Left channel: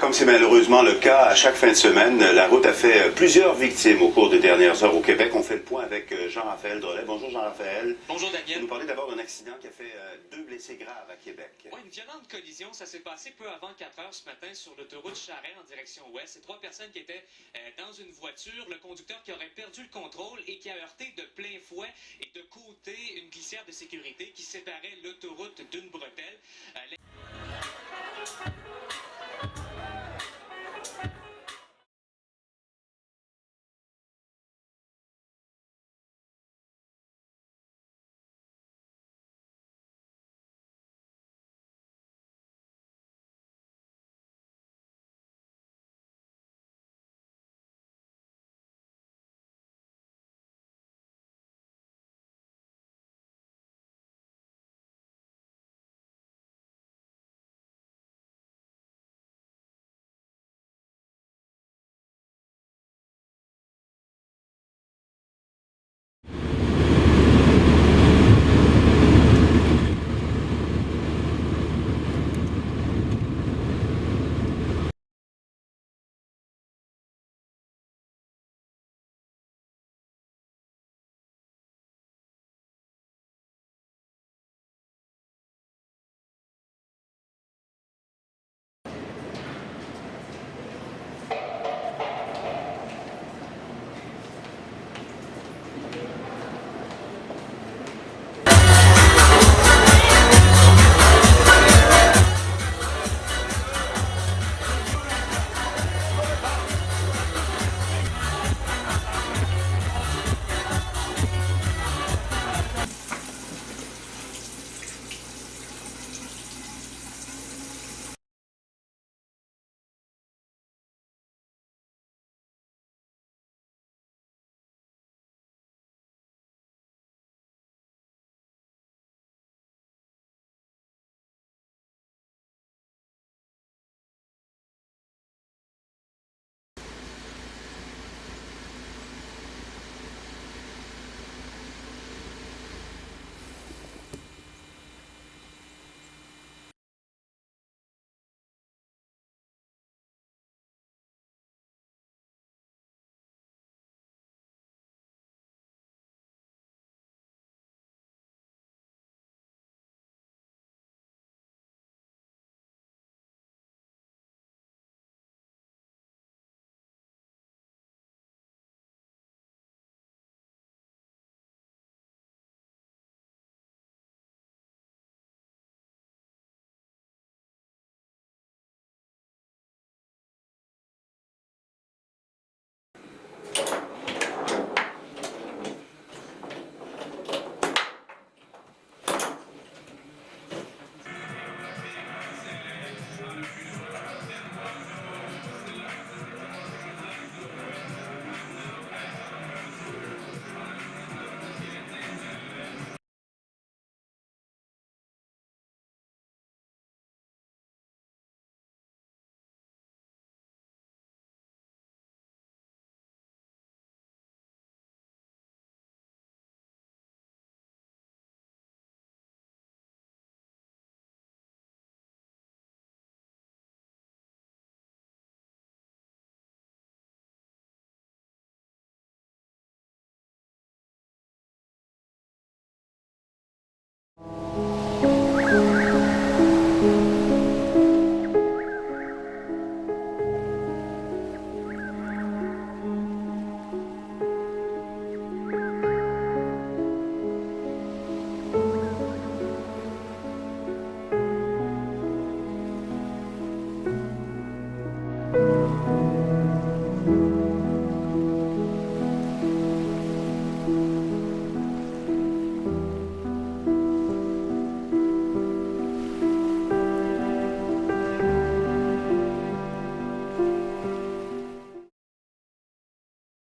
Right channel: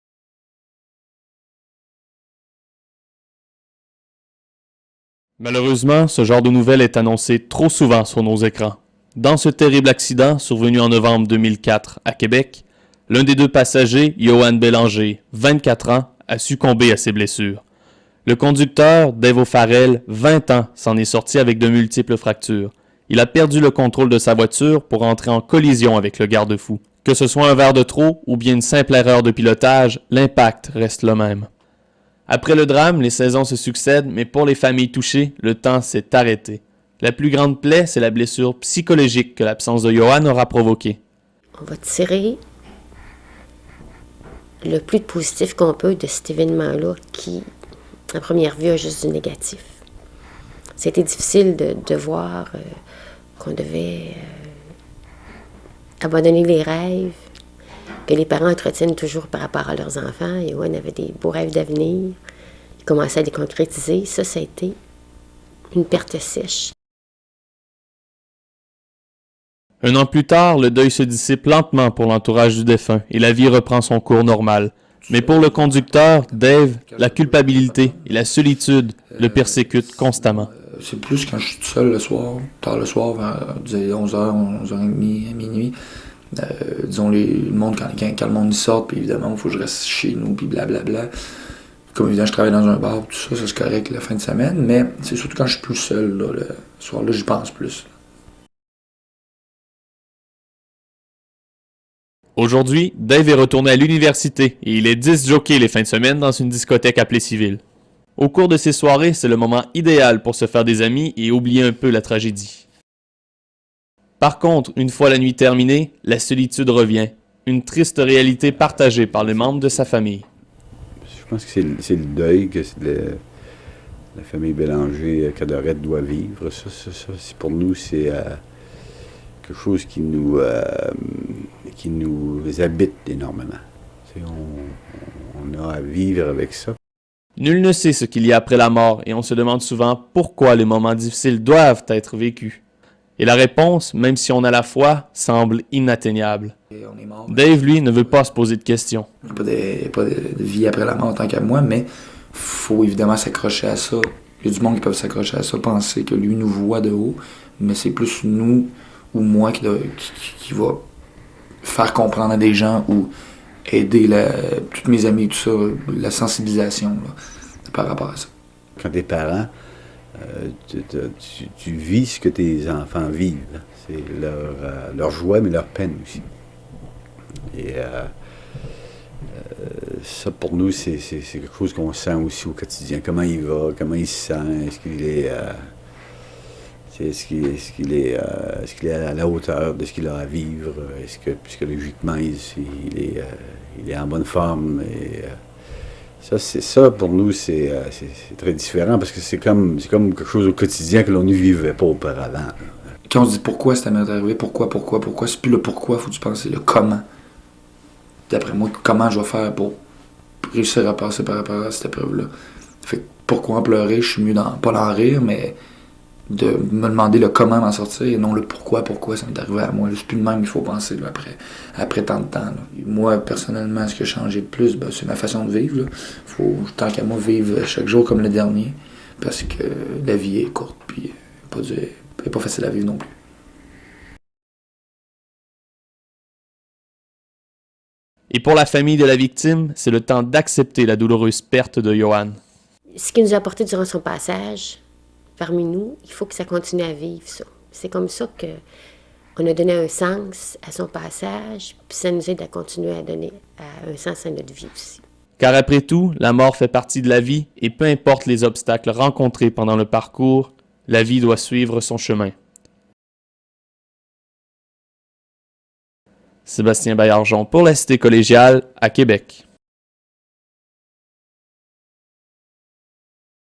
Comme c'est malheureusement le cas à chaque fin de semaine, la route a fait plusieurs victimes au cours des dernières heures au Québec. Malheureusement, ce genre de nouvelles est annoncé trop souvent sur nos écrans. Dans ce terrible accident survenu en novembre 2004 à Québec, l'un des deux passagers, Yoann Bélanger, 24 ans, a succombé à ses blessures. Le conducteur, Dave O'Farrell, 20 ans, s'en est sorti avec de multiples fractures. Il a perdu le contrôle de sa voiture pour entrer en collision avec le garde-fou. Que ce soit un verre de trop ou bien une simple erreur de pilotage, l'impact reste le même. Après le drame, les saisons se succèdent, mais pour les familles touchées, le temps s'est arrêté. La plus grande plaie, c'est la blessure psychologique que l'absence de Yoann aura provoquée. On va tirer le plus de positif qu'on peut de cet événement-là qui, à première vue, a juste du négatif. C'était difficile de voir qu'on devait abandonner les rêves que les parents entretiennent toujours par rapport à leurs enfants. Yoann avait des beaux rêves d'avenir. Il commençait à les concrétiser. Ça a été une perte sèche. Un an plus tard, le deuil se dissipe lentement pour l'entourage du défunt et la vie reprend son cours normal. Mais pour le conducteur, Dave, la culpabilité et la solitude le persécutent constamment. C'est plus quand je suis tout seul le soir, tard le soir, vers 11h, 11h30, à minuit. Disons, le monde, quand le monde y sort, puis évidemment, il faut que je reste chez nous, puis blablabla. Comme évidemment, je travaille dans un bar, tout ça c'est correct la fin de semaine, mais c'est surtout quand je suis plus seul, là, le soir-là, j'y pense plus. Aujourd'hui, Dave est retourné à l'université et il est disc jockey les fins de semaine dans une discothèque à Plessisville. Au cours de ces soirées, c'est le moment idéal pour se faire des amis et oublier un peu la tragédie. Par contre, une fois la nuit terminée, la solitude revient. Une triste réalité partagée par les membres de sa famille. Je pense que c'est le deuil que la famille Bélanger Cadorette doit vivre. Ça pour nous, c'est quelque chose qui nous habite énormément. On a à vivre avec ça. Nul ne sait ce qu'il y a après la mort et on se demande souvent pourquoi les moments difficiles doivent être vécus. Et la réponse, même si on a la foi, semble inatteignable. Dave, lui, ne veut pas se poser de questions. Il n'y a pas de vie après la mort en tant qu'à moi, mais il faut évidemment s'accrocher à ça. Il y a du monde qui peuvent s'accrocher à ça, penser que lui nous voit de haut, mais c'est plus nous ou moi qui va faire comprendre à des gens ou aider tous mes amis, tout ça, la sensibilisation là, par rapport à ça. Quand t'es parent, tu vis ce que tes enfants vivent. C'est leur joie, mais leur peine aussi. Et ça, pour nous, c'est quelque chose qu'on sent aussi au quotidien. Comment il va, comment il se sent, est-ce qu'il est à la hauteur de ce qu'il a à vivre, est-ce que psychologiquement il est en bonne forme. Ça, pour nous, c'est très différent parce que c'est comme quelque chose au quotidien que l'on ne vivait pas auparavant. Quand on se dit pourquoi ça m'est arrivé, pourquoi, c'est plus le pourquoi, faut que tu penses le comment. D'après moi, comment je vais faire pour réussir à passer par rapport à cette épreuve-là. Fait que pourquoi en pleurer, je suis mieux pas d'en rire, mais de me demander le comment m'en sortir et non le pourquoi ça m'est arrivé à moi. C'est plus le même qu'il faut penser là, après tant de temps. Là. Moi, personnellement, ce qui a changé le plus, c'est ma façon de vivre. Faut, tant qu'à moi, vivre chaque jour comme le dernier, parce que la vie est courte, puis elle n'est pas facile à vivre non plus. Et pour la famille de la victime, c'est le temps d'accepter la douloureuse perte de Yoann. Ce qu'il nous a apporté durant son passage parmi nous, il faut que ça continue à vivre, ça. C'est comme ça qu'on a donné un sens à son passage, puis ça nous aide à continuer à donner un sens à notre vie aussi. Car après tout, la mort fait partie de la vie et peu importe les obstacles rencontrés pendant le parcours, la vie doit suivre son chemin. Sébastien Baillargeon pour la Cité collégiale à Québec.